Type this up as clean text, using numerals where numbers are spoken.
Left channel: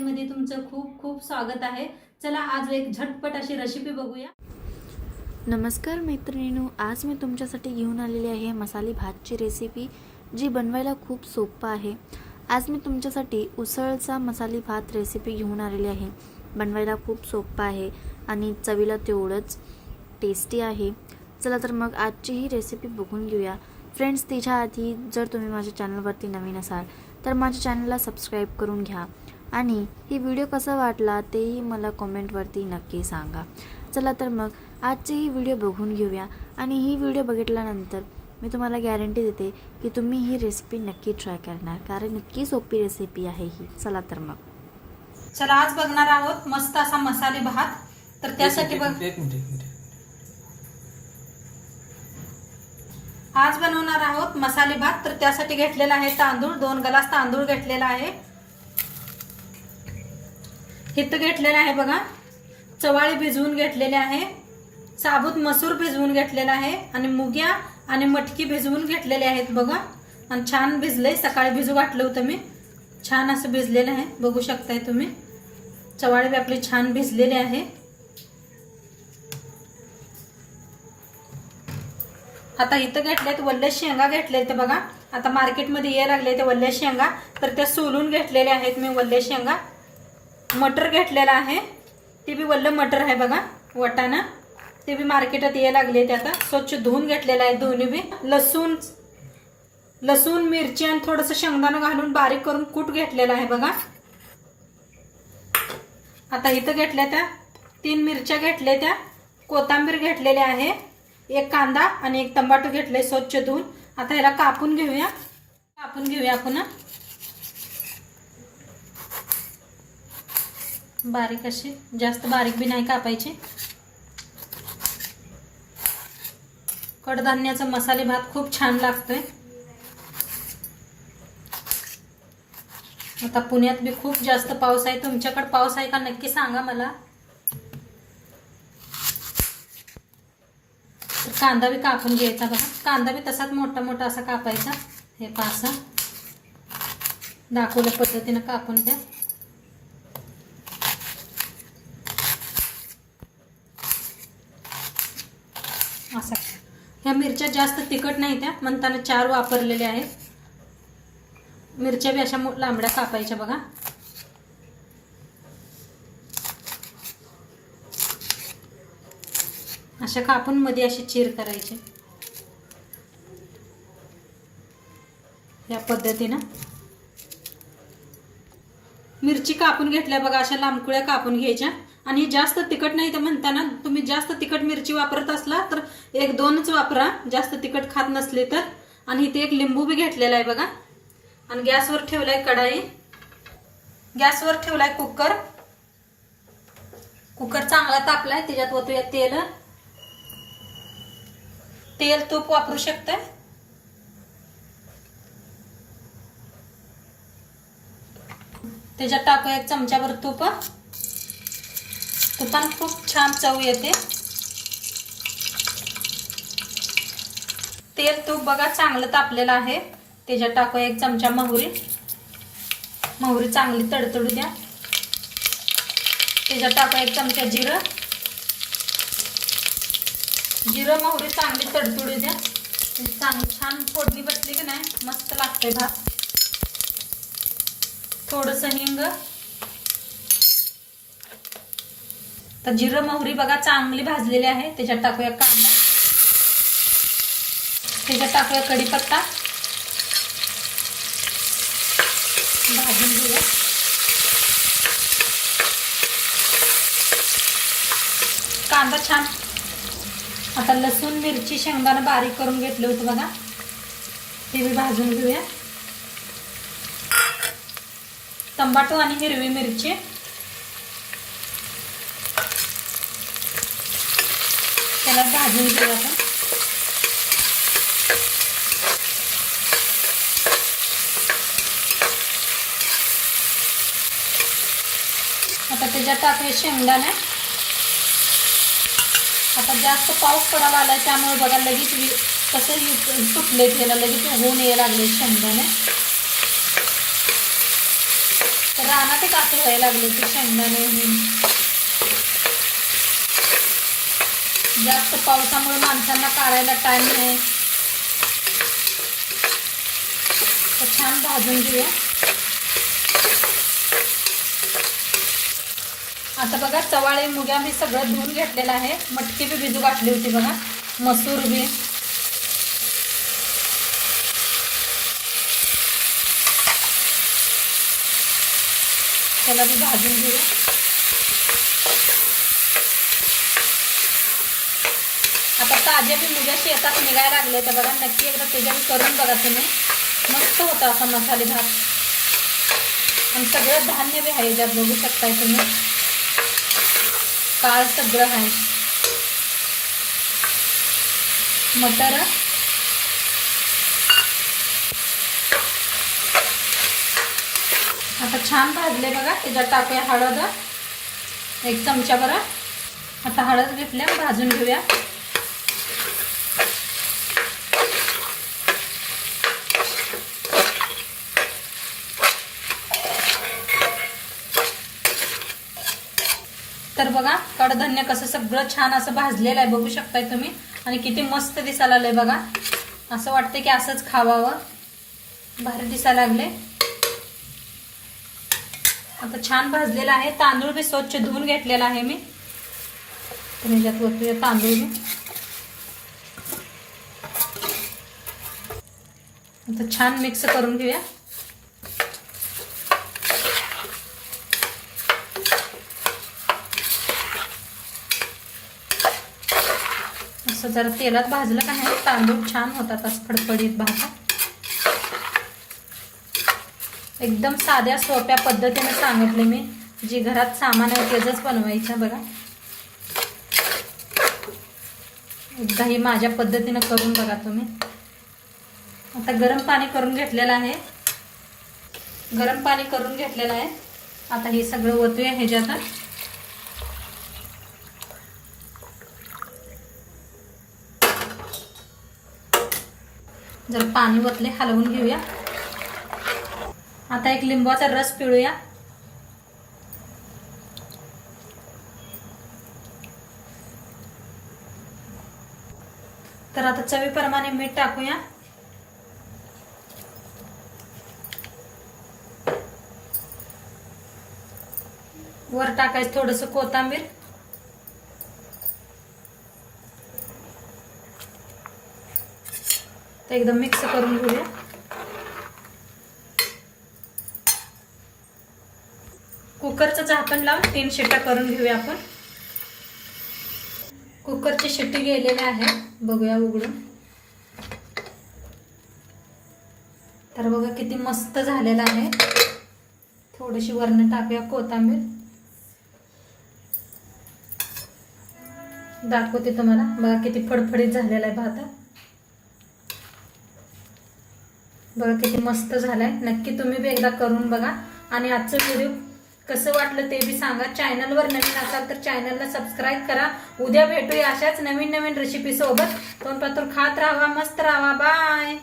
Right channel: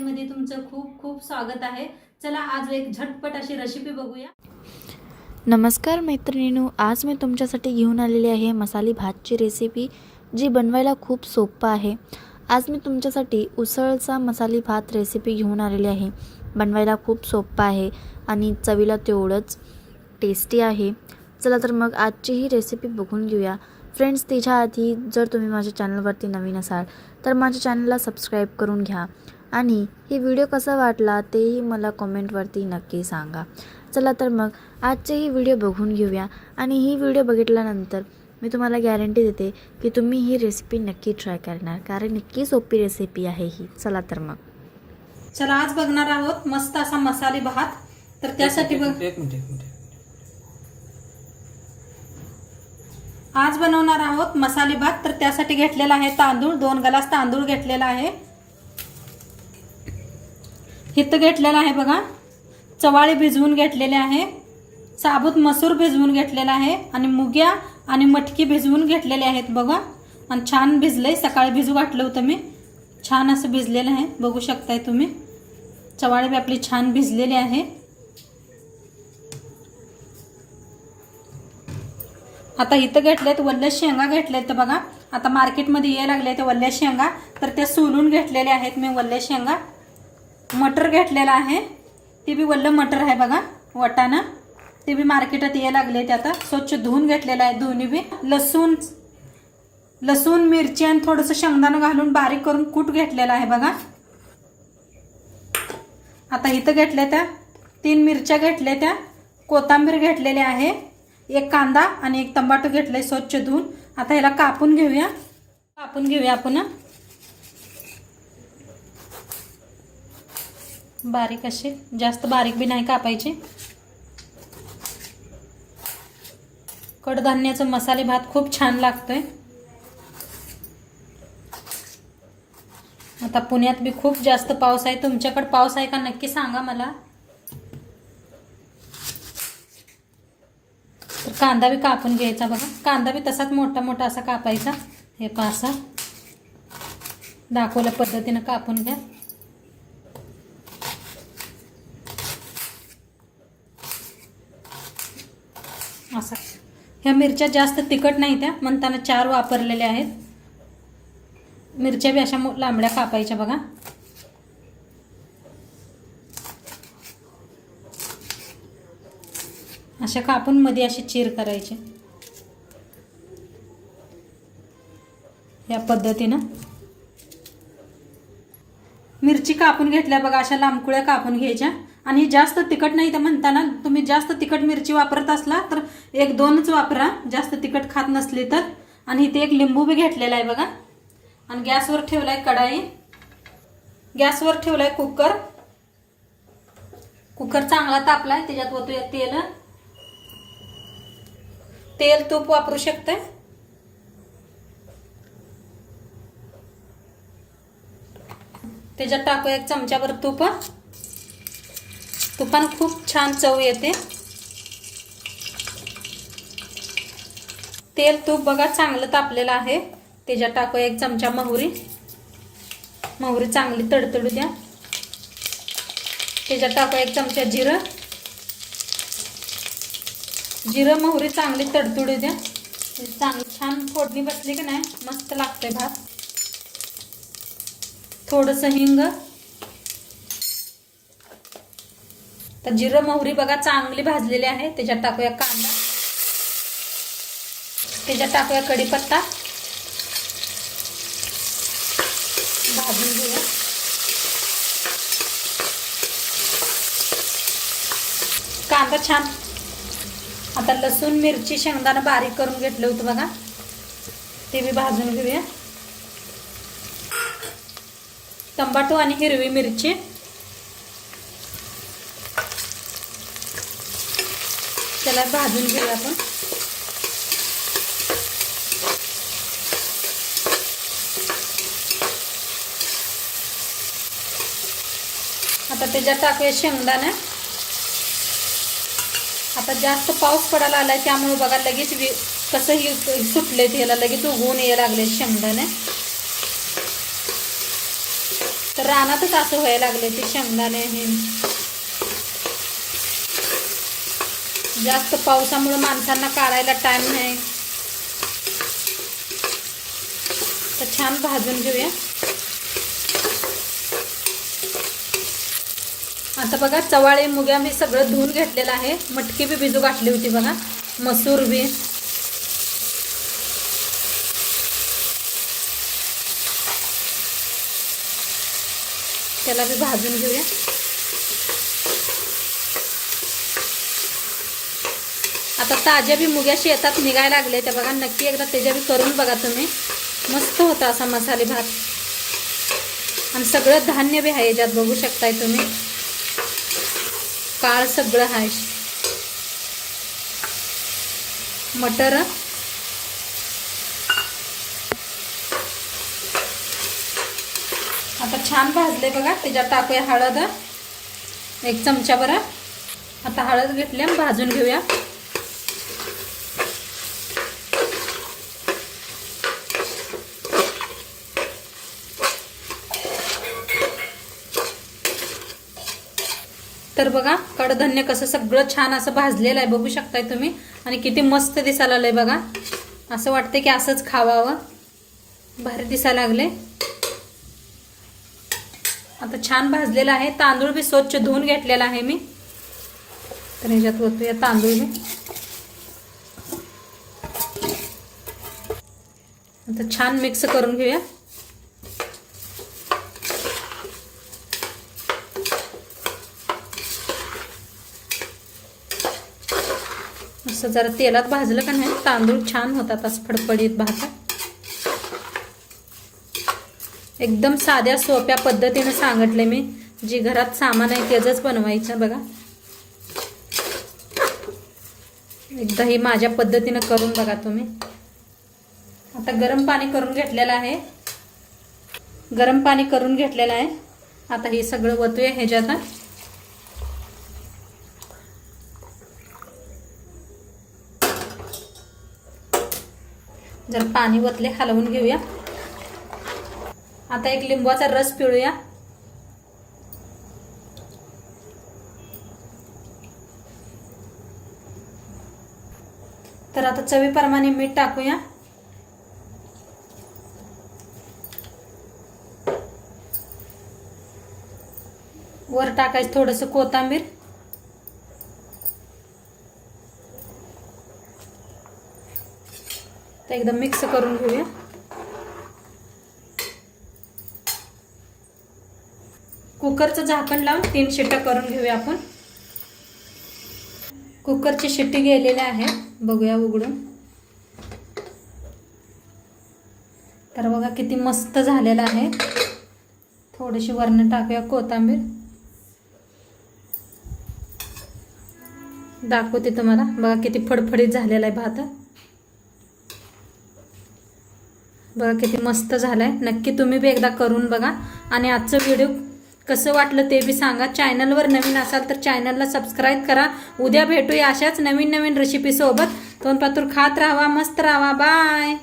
मध्ये तुमचं खूप खूप स्वागत आहे। चला आज एक झटपट अशी रेसिपी बघूया। नमस्कार मैत्रिणींनो, आज मी तुमच्यासाठी घेऊन आलेली आहे मसाली भातची रेसिपी, जी बनवायला खूप सोपं आहे। आज मी तुमच्यासाठी उसळचा मसाली भात रेसिपी घेऊन आलेली आहे। बनवायला खूप सोपं आहे आणि चवीला तेवढंच टेस्टी आहे। चला तर मग आजची ही रेसिपी बघून घेऊया। फ्रेंड्स, त्याच्या आधी जर तुम्ही माझ्या चॅनलवरती नवीन असाल तर माझ्या चॅनलला सबस्क्राईब करून घ्या आणि ही व्हिडिओ कसा वाटला तेही मला कमेंटवरती नक्की सांगा। चला तर मग आजचे ही व्हिडिओ बघून घेऊया आणि ही व्हिडिओ बघितल्यानंतर मी तुम्हाला गॅरंटी देते की तुम्ही ही रेसिपी नक्की ट्राय करणार, कारण नक्की सोपी रेसिपी आहे ही। चला तर मग चला आज बघणार आहोत मस्त असा मसाले भात। तर त्यासाठी एक मिनिट आज बनवणार आहोत मसाले भात। तर त्यासाठी घेतलेला आहे तांदूळ, 2 ग्लास तांदूळ घेतलेला आहे। हित घेतलेला आहे बघा चवाळे भिजवून घेतलेले आहे, साबूत मसूर भिजवून घेतलेला आहे आणि मुग्या आणि मटकी भिजवून घेतलेले आहेत बघा। आणि छान भिजले, सकाळी भिजू घातलं होतं मी, छान असं भिजलेलं आहे, बघू शकताय तुम्ही। चवाळे बी आपले छान भिजलेले आहे। आता इथं घेतलेत वल्ल्या शेंगा घेतलेत ते बघा। आता मार्केटमध्ये यायला लागले ते वल्ल्या शेंगा, तर ते सोलून घेतलेले आहेत मी वल्ल्या शेंगा। मटर घेतलेला आहे, ते बी वल्ल मटर आहे बघा, वाटाणा, ते बी मार्केटात यायला लागले ते। आता स्वच्छ धुवून घेतलेला आहे दोन्ही बी। लसूण मिरची आणि थोडंसं शेंगदाणा घालून बारीक करून कूट घेतलेला आहे बघा। आता इथं घेतल्या त्या 3 मिरच्या घेतल्या त्या, कोथिंबीर घेतलेली आहे, 1 कांदा आणि 1 टमाटो घेतलाय स्वच्छ धुवून। आता ह्याला कापून घेऊया आपण बारीक असे, जास्त बारीक बी नाही कापायचे। कडधान्याचा मसाले भात खूप छान लागतोय। आता पुण्यात बी खूप जास्त पाऊस आहे, तुमच्याकडे पाऊस आहे का नक्की सांगा मला। तर कांदा बी कापून घ्यायचा बघा, कांदा बी तसाच मोठा मोठा असा कापायचा। हे पासा दाखवल्या पद्धतीने कापून घ्या। असा ह्या मिरच्या जास्त तिखट नाही त्या, म्हणताना 4 वापरलेल्या आहेत। मिरच्या बी अशा लांबड्या कापायच्या बघा। अशा कापून मध्ये अशी चीर करायची या पद्धतीने। मिरची कापून घेतल्या बघा, अशा लांबकुळ्या कापून घ्यायच्या। आणि जास्त तिखट नाही तर म्हणताना तुम्ही जास्त तिखट मिरची वापरत असला तर 1-2च वापरा, जास्त तिखट खात नसली तर। आणि इथे 1 लिंबू बी घेतलेला आहे बघा। आणि गॅसवर ठेवलाय कढाई, गॅसवर ठेवलाय कुकर चांगला तापलाय, त्याच्यात ओतूया तेल तूप वापरू शकताय। त्याच्यात टाकूया 1 चमचाभर तूप, तुपान खूप छान चव येते। तेल तूप बघा चांगलं तापलेलं आहे, त्याच्यात टाकूया 1 चमचा मोहरी चांगली तडतडू द्या। त्याच्यात टाकूया 1 चमचा जिरं मोहरी चांगली तडतडू द्या। चांगली छान फोडणी बसली की नाही मस्त लागते भात। थोडंसं हिंग, तर जिरं मोहरी बघा चांगली भाजलेली आहे। त्याच्यात टाकूया कांदा, त्याच्यात टाकूया कढीपत्ता, भाजून घेऊया। कांदा छान, आता लसूण मिरची शेंगदाणा बारीक करून घेतलं होतं बघा, ते बी भाजून घेऊया। टमाटो आणि हिरवी मिरची, त्याला भाजून घेऊया आपण। आता त्याच्यात टाकूया शेंगदाणे। आता जास्त पाऊस पडायला आलाय त्यामुळे बघा लगेच कसं सुटले, त्याला लगेच उगवून यायला लागले शेंगदाणे। तर रानातच असं व्हायला लागले ते शेंगदाणे हे. जास्त पावसामुळे माणसांना काढायला टाइम नाही. तर छान भाजून घेऊया. आता बघा चवाळे मुग्या मी सगळं धुवून घेतलेलं आहे. मटकी बी भिजू घातली होती बघा, मसूर बी. त्याला बी भाजून घेऊया. आता ताज्या बी मुग्या शेतात निघायला लागल्या त्या बघा. नक्की एकदा त्याच्या बी करून बघा तुम्ही. मस्त होता असा मसाले भात. आणि सगळं धान्य बी आहे याच्यात, बघू शकताय तुम्ही. काळ सगळं आहे. मटर, आता छान भाजले बघा. त्याच्यात टाकूया हळद 1 चमचा बरं. आता हळद घेतल्या, भाजून घेऊया. तर बघा कडधान्य कसं सगळं छान असं भाजलेलं आहे, बघू शकताय तुम्ही. आणि किती मस्त दिसायला लागलंय बघा. असं वाटतंय की असंच खावावं. भारी दिसायला लागले. आता छान भाजलेला आहे. तांदूळ बी स्वच्छ धुवून घेतलेला आहे मी. तर ह्याच्यात ओतूया तांदूळ बी. आता छान मिक्स करून घेऊया. असं जरा तेलात भाजलं का नाही तांदूळ छान होतात असं फडफडीत भातात. एकदम साध्या सोप्या पद्धतीने सांगितले मी. जी घरात सामान आहे त्याचंच बनवायचं बघा. एकदा ही माझ्या पद्धतीने करून बघा तुम्ही. आता गरम पाणी करून घेतलेलं आहे. गरम पाणी करून घेतलेलं आहे. आता हे सगळं ओतूया ह्याच्यात. जर पाणी ओतले हलवून घेऊया. आता एक लिंबाचा रस पिळूया. तर आता चवीप्रमाणे मीठ टाकूया. वर टाकायचं थोडंसं कोथिंबीर. तर एकदम मिक्स करून घेऊया. कुकरचं झाकण लावून 3 शिट्ट्या करून घेऊया आपण. कुकरची शिट्टी गेलेली आहे, बघूया उघडून. तर बघा किती मस्त झालेला आहे. थोडीशी वरण टाकूया कोथिंबीर. दाखवते तुम्हाला. बघा किती फडफडीत झालेला आहे भात. बघा किती मस्त झालाय. नक्की तुम्ही बी एकदा करून बघा. आणि आजचं व्हिडिओ कसं वाटलं ते बी सांगा. चॅनलवर नवीन असाल तर चॅनलला सबस्क्राईब करा. उद्या भेटूया अशाच नवीन नवीन रेसिपी सोबत. तोंडपातूर खात राहा, मस्त राहा. बाय.